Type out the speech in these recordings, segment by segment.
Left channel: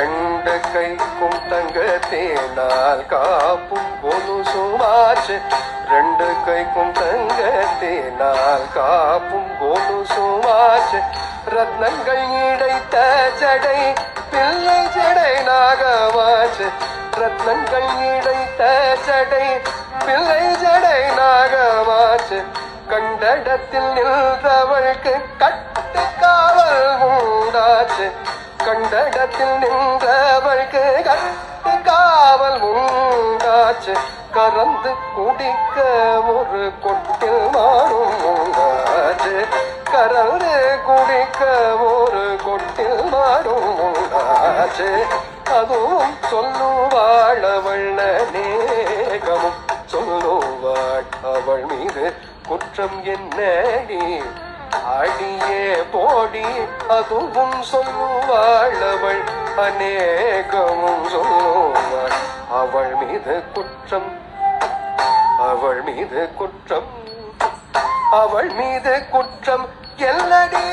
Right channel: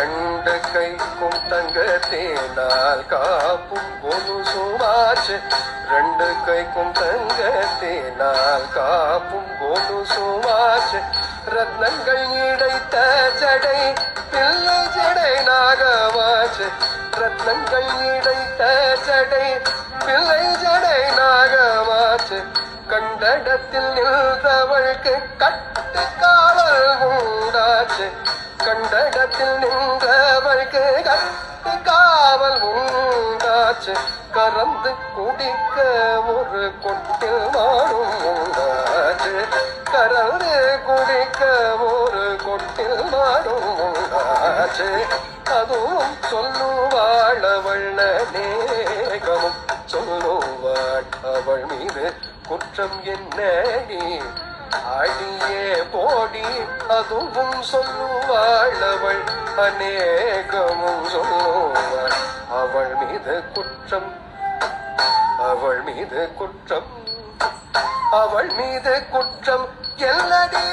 ரெண்டு கைக்கும் தங்கத்தினால் காப்பும் கொலுசுமாச்சு. ரெண்டு கைக்கும் தங்கத்தினால் காப்பும் கொலுசுமாச்சு. ரத்னங்கள் இடைத்த ஜடை பிள்ளை ஜடை நாகமாச்சு. ரத்னங்கள் இடைத்த ஜடை பிள்ளை ஜடை நாகமாச்சு. கண்டடத்தில் நின்றவൾക്ക് கட்டு காவல் உண்டாச்சு. கண்டடத்தில் நின்றவൾക്ക് கட்டு காவல் உண்டாச்சு. கறந்து குடிக்க ஒரு கொட்டில் மாடும் உண்டாச்சு. கறந்து குடிக்க ஒரு கொட்டில் மாடும் உண்டாச்சு. அதுவும் சொல்லுவாள் அவள் நேகமும் சொல்லுவாள் அவள் மீது குற்றம் என்னடி அடியே போடி. அதுவும் சொல்லுவாள் அவள் அநேகமும் சொல்லுவாள் அவள் மீது குற்றம். அவள் மீது குற்றம். அவள் மீது குற்றம் எல்லடி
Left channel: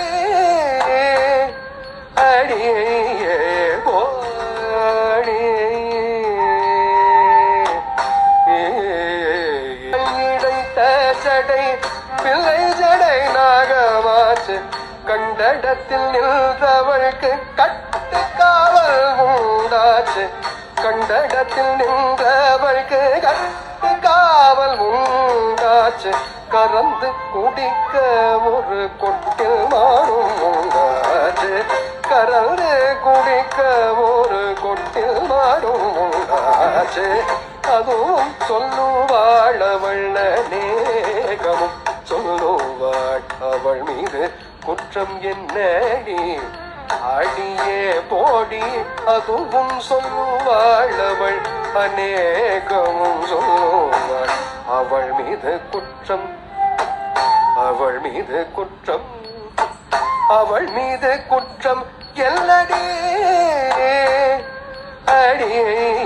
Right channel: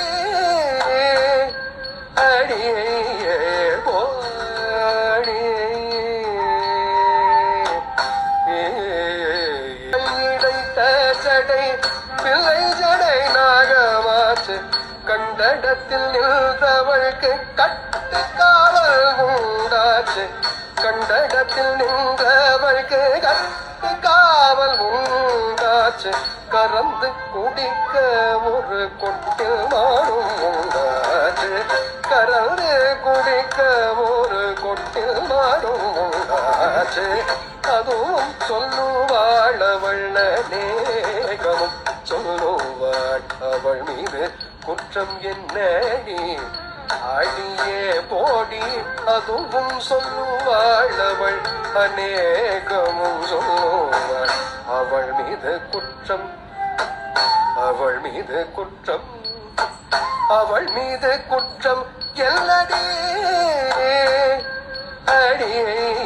அடியே போடி. இடைத்த ஜடை பிள்ளை ஜடை நாகமாச்சு. கண்டடத்தில் நின்றவൾക്ക് கட்டு காவல் உண்டாச்சு. கண்டடத்தில் நின்றவൾക്ക് கட்டு காவல் உண்டாச்சு. கறந்து குடிக்க ஒரு கொட்டில் மாடும் உண்டாச்சு. கறந்து குடிக்க ஒரு கொட்டில் மாடும் உண்டாச்சு. அதுவும் சொல்லுவாள் அவள் நேகமும் சொல்லுவாள் அவள் மீது குற்றம் என்னடி அடியே போடி. அதுவும் சொல்லுவாள் அவள் அநேகமும் சொல்லுவாள் அவள் மீது குற்றம். அவள் மீது குற்றம். அவள் மீது குற்றம் எல்லடி அடியே